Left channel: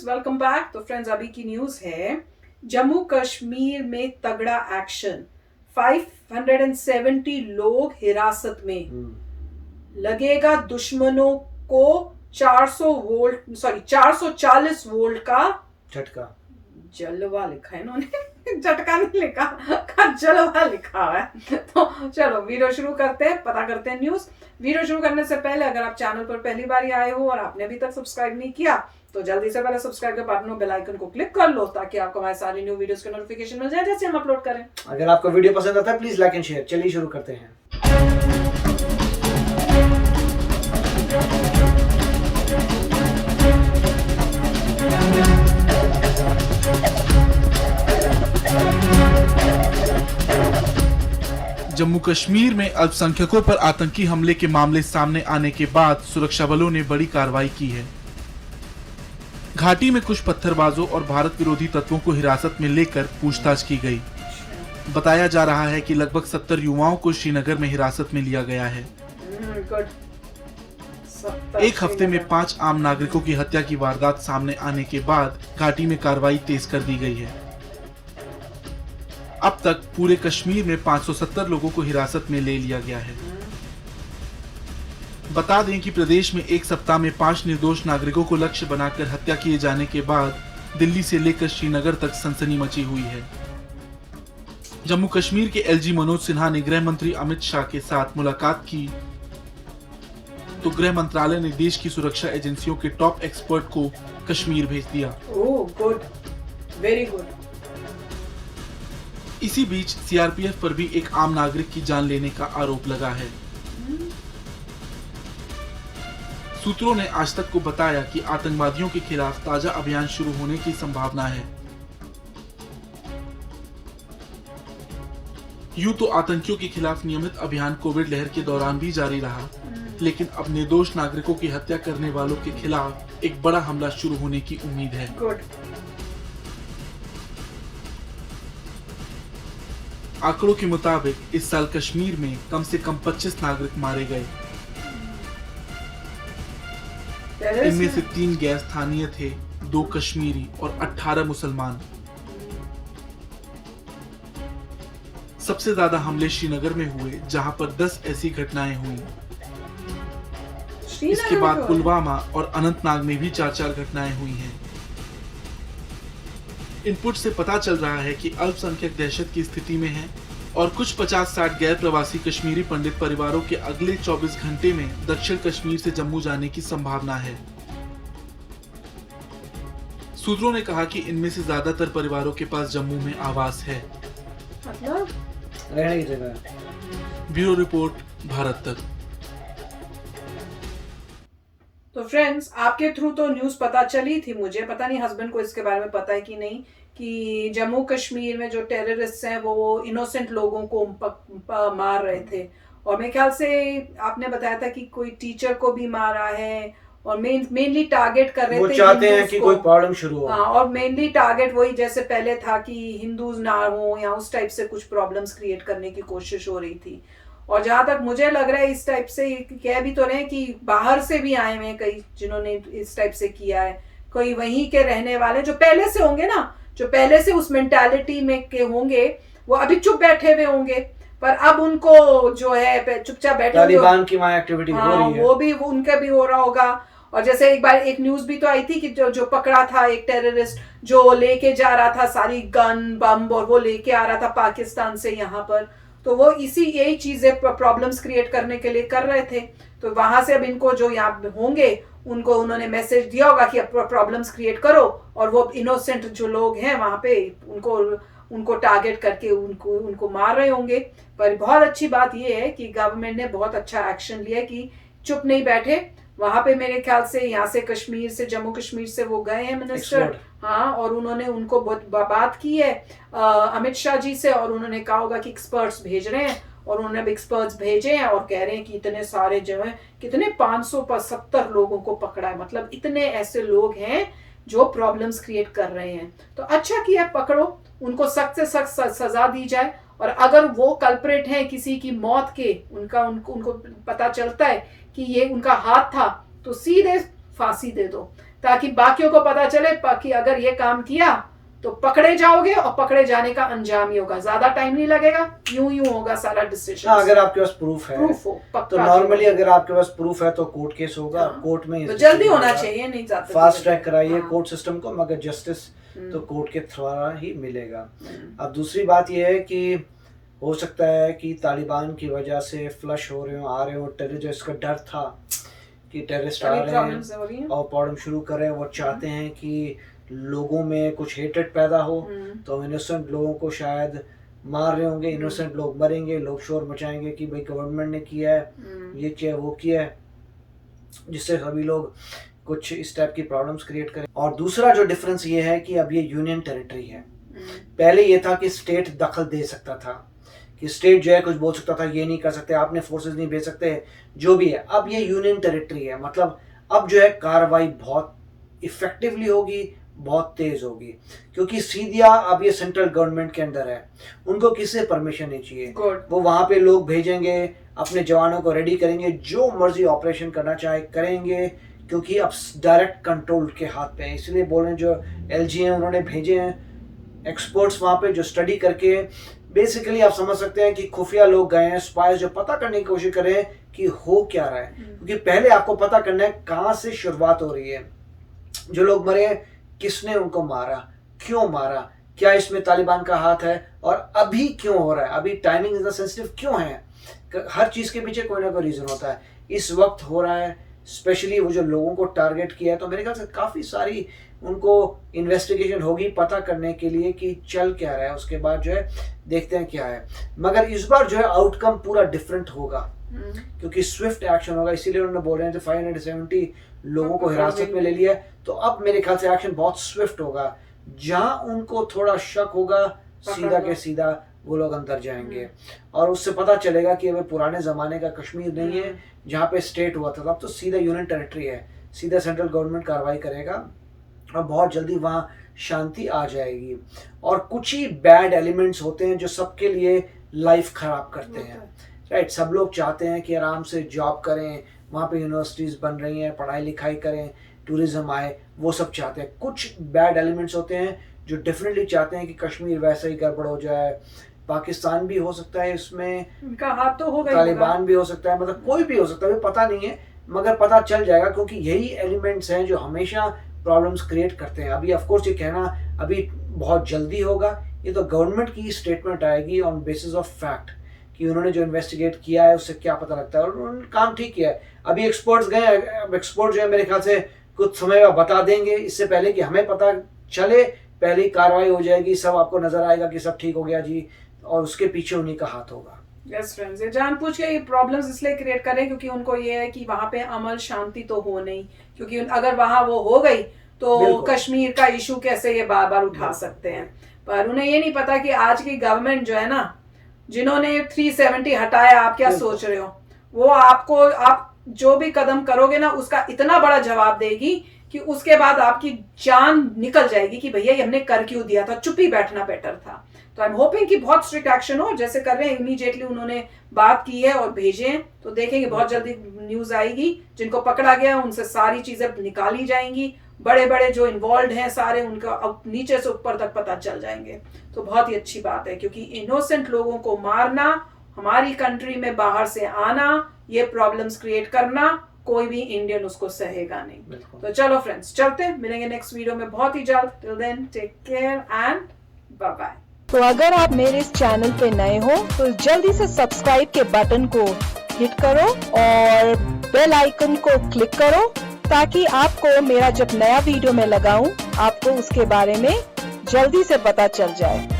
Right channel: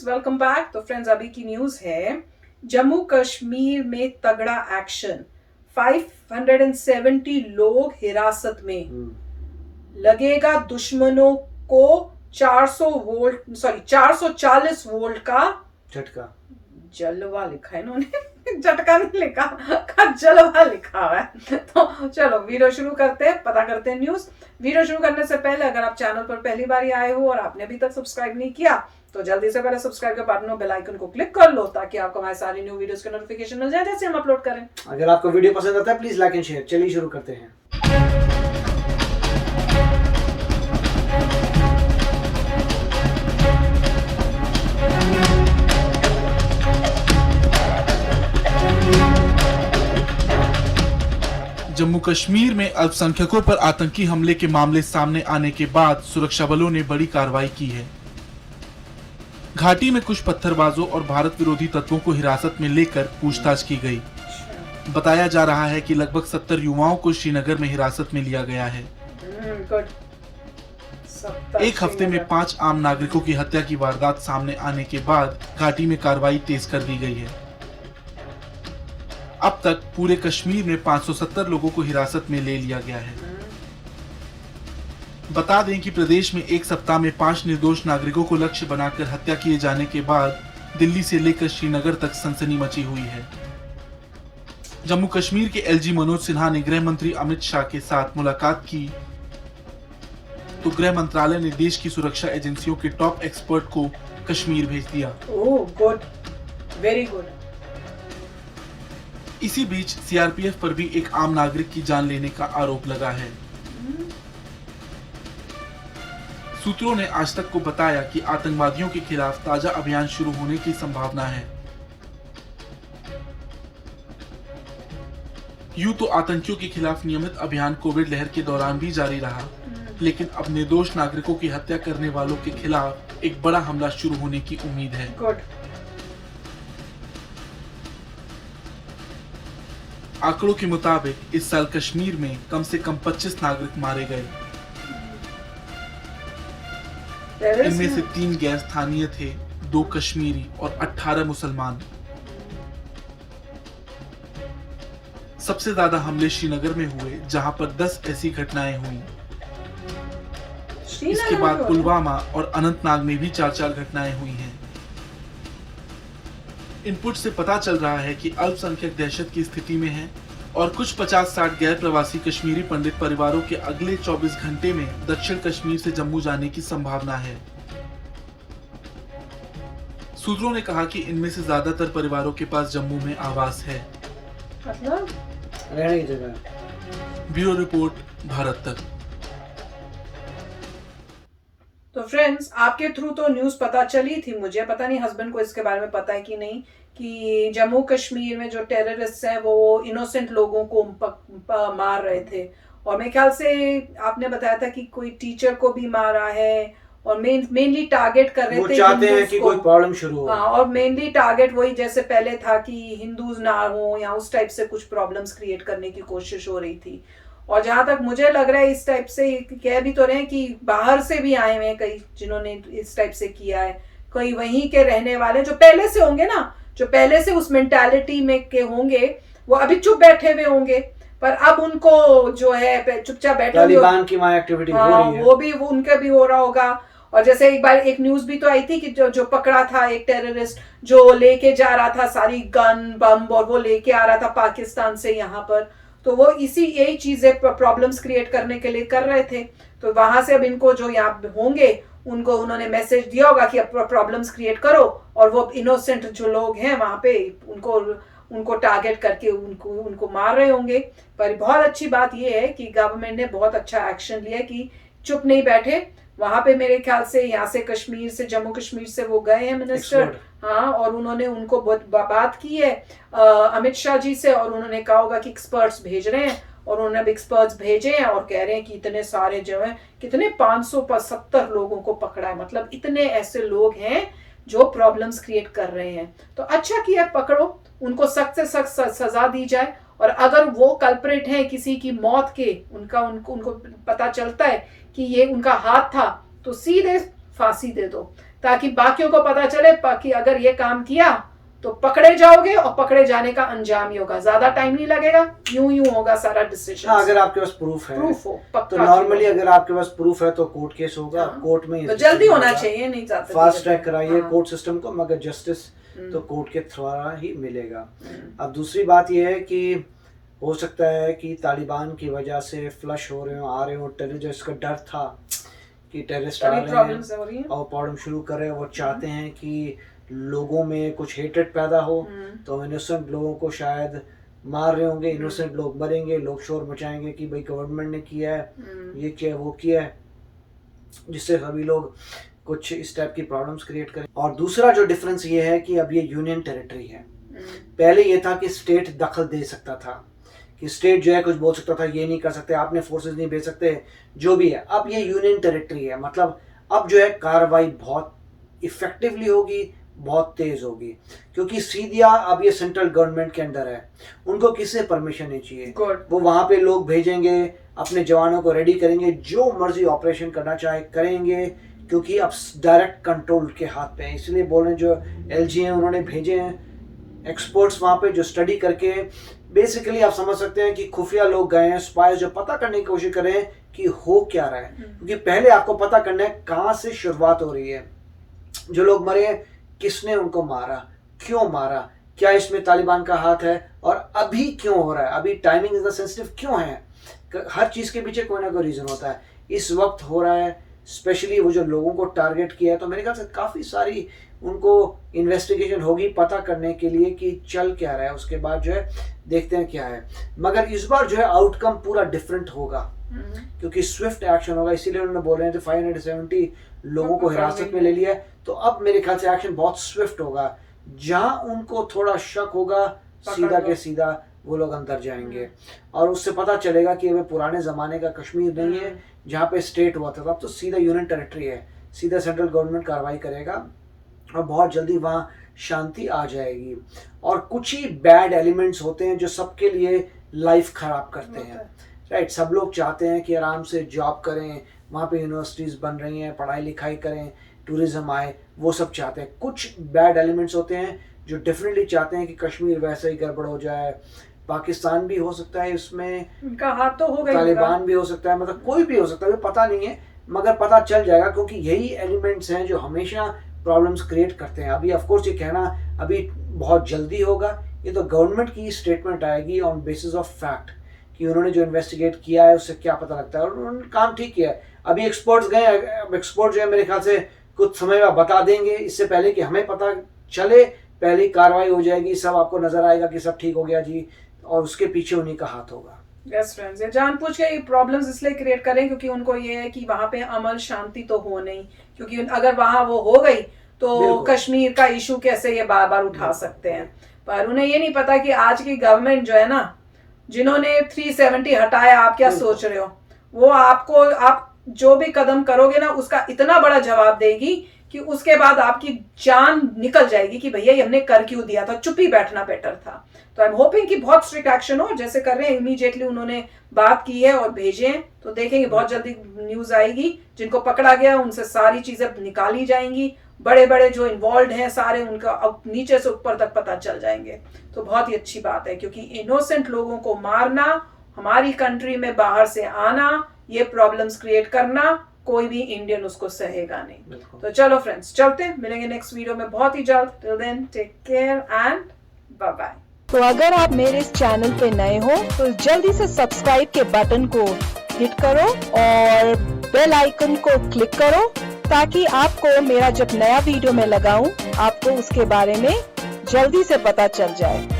Friends, welcome back. तो friends, अभी की न्यूज है, जम्मू कश्मीर में तगड़ा एक्शन। 570 लोग हिरासत में। लगेगा दुश्मनों को 440 वोल्ट का झटका। जलवा लिखा है इन्होंने झटका नहीं लिखा, का जलवा लिखा है। तो चलो वीडियो शुरू करते हैं, पता करते हैं न्यूज। वीडियो शुरू करने से पहले अगर आप चैनल पर पहली बार आए हो और आपने अभी तक सब्सक्राइब नहीं किया तो जल्दी से पहले सब्सक्राइब के बटन और बेल आइकन को क्लिक कर लो ताकि आपको हमारी सारी न्यू वीडियोस के नोटिफिकेशन मिल जाए जैसे हम अपलोड करें। अगर आपको वीडियो पसंद आता है प्लीज लाइक एंड शेयर। चलिए शुरू करते हैं। जम्मू कश्मीर में अल्पसंख्यकों पर आतंकी हमले के मामले सामने आने के बाद सुरक्षा बलों ने बड़ी कार्रवाई की है। घाटी में कुछ पत्थरबाजों और भारत विरोधी तत्वों को हिरासत में लेकर पूछताछ की गई। बताया जा रहा है कि लगभग 70 युवाओं को श्रीनगर में हिरासत में लिया गया है। एक हफ्ते में 5 आम नागरिकों की हत्या की वारदात सामने आने के बाद घाटी में कार्रवाई तेज कर दी गई है। अब तक पूरे कश्मीर में 570 लोगों को हिरासत में ले लिया गया है। बता दें कि प्रदेश में एक सप्ताह में 5 निर्दोष नागरिकों को लक्ष्य बनाकर हत्या किए जाने के बाद दिल्ली से लेकर श्रीनगर तक सनसनी मची हुई है। जम्मू कश्मीर के एलजी मनोज सिन्हा ने गृह मंत्री अमित शाह के साथ मुलाकात की तो गृह मंत्रालय ने देश की सुरक्षा एजेंसियों के टॉप एक्सपर्ट को कश्मीर भेज दिया। Oh good, very good. इसी बीच सीआरपीएफ पर भी एक आम नागरिक की जान लेने का आरोप लगा है। सूत्रों ने आज तक को बताया कि आतंकवादियों के खिलाफ ताजा अभियान शुरू होने की संभावना है। यूं तो आतंकियों के खिलाफ नियमित अभियान कोविड लहर के दौरान भी जारी रहा, लेकिन अब निर्दोष नागरिकों की हत्या करने वालों के खिलाफ एक बड़ा हमला शुरू होने की उम्मीद है। गुड। आंकड़ों के मुताबिक इस साल कश्मीर में कम से कम 25 नागरिक मारे गए। इनमें से 3 गैर स्थानीय थे, 2 कश्मीरी और 18 मुसलमान। सबसे ज्यादा हमले श्रीनगर में हुए, जहां पर 10 ऐसी घटनाएं हुई। इसके बाद पुलवामा और अनंतनाग में भी 4 घटनाएं हुई हैं। इनपुट से पता चल रहा है कि अल्पसंख्यक दहशत की स्थिति में है और कुछ 50-60 गैर प्रवासी कश्मीरी पंडित परिवारों के अगले 24 घंटे में दक्षिण कश्मीर से जम्मू जाने की संभावना है। सूत्रों ने कहा कि इनमें से ज्यादातर परिवारों के पास जम्मू में आवास है, मतलब रहने की जगह। ब्यूरो रिपोर्ट, भारत तक। तो फ्रेंड्स, आपके थ्रू तो न्यूज़ पता चली थी, मुझे पता नहीं हस्बैंड को इसके बारे में पता है कि नहीं, कि जम्मू कश्मीर में जो टेररिस्ट हैं वो इनोसेंट लोगों को मार रहे थे। और मेरे ख्याल से आपने बताया था कि कोई टीचर को भी मारा है और मेनली टारगेट कर रहे थे, वो चाहते हैं कि कोई प्रॉब्लम शुरू हो। हाँ, और मेनली टारगेट वही जैसे पहले था कि हिंदूज ना हो या उस टाइप से कुछ प्रॉब्लम्स क्रिएट करने की कोशिश हो रही थी। और जहां तक मुझे लग रहा है इस टाइप से कह भी तो रहे हैं कि बाहर से भी आए हुए हैं कई जिन्होंने इस टाइप से किया है। कोई वहीं के रहने वाले जो पहले से होंगे ना, जो पहले से उस मेंटालिटी में के होंगे, वो अभी चुप बैठे हुए होंगे, पर अब उनको जो है चुपचाप बैठे तालिबान की माय एक्टिविटी हो रही है, वो भी उनका भी हो रहा होगा। और जैसे एक बार एक न्यूज भी तो आई थी कि जो पकड़ा था एक टेररिस्ट जो लेके जा रहा था सारी गन बम और वो लेके आ रहा था पाकिस्तान से यहाँ पर, तो वो यही चीजें प्रॉब्लम्स क्रिएट करने के लिए कर रहे थे। तो वहां से अब इनको जो यहाँ होंगे उनको उन्होंने मैसेज दिया होगा कि अब प्रॉब्लम्स क्रिएट करो, और वो इनोसेंट जो लोग हैं वहां पे उनको टारगेट करके उनको मार रहे होंगे। पर बहुत अच्छी बात ये है कि गवर्नमेंट ने बहुत अच्छा एक्शन लिया कि चुप नहीं बैठे। वहां पे मेरे ख्याल से यहाँ से कश्मीर से जम्मू कश्मीर से वो गए हैं मिनिस्टर, हाँ, और उन्होंने उनको बहुत बात की है अमित शाह जी से, और उन्होंने कहा होगा कि एक्सपर्ट्स भेज रहे हैं, और उन्होंने अब एक्सपर्ट्स भेजे हैं और कह रहे हैं कि इतने सारे जो है कितने 570 लोगों को पकड़ा है। मतलब इतने ऐसे लोग हैं जो प्रॉब्लम्स क्रिएट कर रहे हैं। तो अच्छा किया, पकड़ो उनको, सख्त से सख्त सजा दी जाए। और अगर वो कल्प्रिट हैं किसी की मौत के, उनको पता चलता है कि ये उनका हाथ था, तो सीधे फांसी दे दो, ताकि बाकियों को पता चले कि अगर ये काम किया तो पकड़े जाओगे, और पकड़े जाने का अंजाम ही होगा, ज्यादा टाइम नहीं लगेगा, यूं होगा सारा डिसीजन। अगर आपके पास प्रूफ हो तो नॉर्मली अगर आपके पास प्रूफ है तो कोर्ट केस होगा। कोर्ट में तो जल्दी होना चाहिए, नहीं चाहते फास्ट ट्रैक कराइए कोर्ट सिस्टम को, मगर जस्टिस तो कोर्ट के द्वारा ही मिलेगा। अब दूसरी बात यह है कि हो सकता है कि तालिबान की वजह से फ्लश हो रहे हो, आ रहे हो टेररिस्ट का डर था कि टेररिस्ट आ रहे हैं और प्रॉब्लम शुरू कर रहे हैं। वो चाहते हैं कि लोगों में कुछ हेटेड पैदा हो, तो इनोसेंट लोगों को शायद मार रहे होंगे, इनोसेंट लोग मरेंगे, लोग शोर मचाएंगे कि भाई गवर्नमेंट ने किया है, ये किया वो किया है, जिससे सभी लोग कुछ इस टाइप की प्रॉब्लम्स क्रिएट करें। और दूसरा जो डिफरेंस ये है कि अब ये यूनियन टेरिटरी है। पहले ये था कि स्टेट दखल दे सकता था, कि स्टेट जो है कुछ बोल सकता था, ये नहीं कर सकते, आपने फोर्सेस नहीं भेज सकते, जो भी है। अब ये यूनियन टेरिटरी है, मतलब अब जो है कार्रवाई बहुत इफेक्टिवली होगी, बहुत तेज होगी, क्योंकि सीधा अब ये सेंट्रल गवर्नमेंट के अंदर है, उनको किसी परमिशन नहीं चाहिए। वो वहां पे लोग भेजेंगे, अपने जवानों को रेडी करेंगे, जो मर्जी ऑपरेशन करना चाहे करेंगे, क्योंकि अब डायरेक्ट कंट्रोल के हाथ पे है। इसलिए बोल रहे हैं जो एलजी हैं उन्होंने भेजे हैं एक्सपर्ट्स वहां पे, जो स्टडी करके बेसिकली आप समझ सकते हैं कि खुफिया लोग गए हैं, स्पाइस जो पता करने की कोशिश करें कि हो क्या रहा है, क्योंकि पहले आपको पता करना है कहाँ से शुरुआत हो रही है, जो लोग मरे हैं किसने उनको मारा, क्यों मारा, क्या इसमें तालिबान का हाथ है, और अभी क्यों हो रहा है, अभी टाइमिंग इतना सेंसिटिव क्यों है। हर चीज के पीछे कोई ना कोई रीजन होता है, इस वक्त हो रहा है। स्पेशली वो जो लोगों को टारगेट किया है, तो मेरे ख्याल से काफी सारी उनको इन्वेस्टिगेशन होगी पता करने के लिए कि चल क्या रहा है, उसके बाद जो है देखते हैं क्या है। मगर इस बार जो है आउटकम पूरा डिफरेंट होगा, क्योंकि स्विफ्ट एक्शन होगा। इसीलिए उन्होंने बोल रहे थे 570 लोगों को हिरासत में ले लिया है, तो अब मेरे ख्याल से एक्शन बहुत स्विफ्ट होगा। जहां उनको थोड़ा शक होगा, सीधा के सीधा वो लोग अंदर जाएंगे, और उससे पता चलेगा कि अब पुराने जमाने का कश्मीर नहीं है जहाँ पे स्टेट हुआ था, तब तो सीधा यूनियन टेरिटरी है, सीधा सेंट्रल गवर्नमेंट कार्रवाई करेगा और बहुत जल्दी वहाँ शांति आ जाएगी। और कुछ ही बैड एलिमेंट्स होते हैं जो सबके लिए लाइफ खराब करते हैं, राइट। सब लोग चाहते हैं कि आराम से जॉब करें, वहाँ पे यूनिवर्सिटीज़ बन रही हैं, पढ़ाई लिखाई करें, टूरिज्म आए, वो सब चाहते हैं। कुछ बैड एलिमेंट्स होते हैं जो डेफिनेटली चाहते हैं कि कश्मीर वैसा ही गड़बड़ हो जाए। पाकिस्तान भी हो सकता है इसमें, उनका हाथ तो होगा, तालिबान भी हो सकता है, मतलब कोई भी हो सकता है, पता नहीं है, मगर पता चल जाएगा, क्योंकि यही एलिमेंट्स हैं जो हमेशा प्रॉब्लम्स क्रिएट करते हैं। अभी ऑफ कोर्स ये कहना अभी बहुत जल्दी होगा, ये तो गवर्नमेंट की स्टेटमेंट आएगी ऑन बेसिस ऑफ फैक्ट कि उन्होंने जो इन्वेस्टिगेट किया है उससे क्या पता लगता है, और उन्होंने काम ठीक किया है। अभी एक्सपर्ट्स गए, अब एक्सपर्ट जो है मेरे ख्याल से कुछ समय बाद बता देंगे, इससे पहले कि हमें पता चले पहले ही कार्रवाई हो जाएगी, सब आपको नजर आएगा कि सब ठीक हो गया जी, और उसके पीछे उन्हीं का हाथ होगा। यस फ्रेंड्स, ये जानबूझ के ये प्रॉब्लम्स इसलिए क्रिएट करें क्योंकि उनको ये है कि वहां पे अमल शांति तो हो नहीं, क्योंकि अगर वहां वो हो गई तो कश्मीर का इशू कैसे ये बार बार उठा सकते हैं। पर उन्हें ये नहीं पता कि आज की गवर्नमेंट जो है ना, जिन्होंने 370 हटाया, आप क्या सोच रहे हो, वो आपको, आप जो भी कदम करोगे ना उसका इतना बड़ा जवाब देगी कि उसके बाद आपकी जान निकल जाएगी कि भैया ये हमने कर क्यों दिया था, चुप ही बैठना बेटर था। तो आई एम होपिंग कि बहुत स्ट्रिक्ट एक्शन हो, जैसे कर रहे हैं। इमीडिएटली उन्होंने बात की है और भेजे हैं, तो देखेंगे बहुत जल्दी न्यूज आएगी। जिनको पकड़ा गया उनसे सारी चीजें निकाली जाएंगी, बड़े बड़े जो इन्वॉल्व हैं सारे, उनका अब नीचे से ऊपर तक पता चल जाएंगे। तो बहुत ही अच्छी बात है, क्योंकि इनोसेंट लोगों को मारना, हमारी कंट्री में बाहर से आना, ये प्रॉब्लम्स क्रिएट करना, कोई भी इंडियन उसको सहेगा नहीं। तो चलो फ्रेंड्स, चलते हैं, मिलेंगे नेक्स्ट वीडियो में बहुत ही जल्द। Till then take care and bye bye. तो अगर आप मेरे इस चैनल पे नए हो तो जल्दी से सब्सक्राइब के बटन को हिट करो और बेल आइकन को क्लिक करो, ताकि आपको मेरा जब नया वीडियो मैं लगाऊं आपको उसके बारे में जल्दी से पता चल जाए।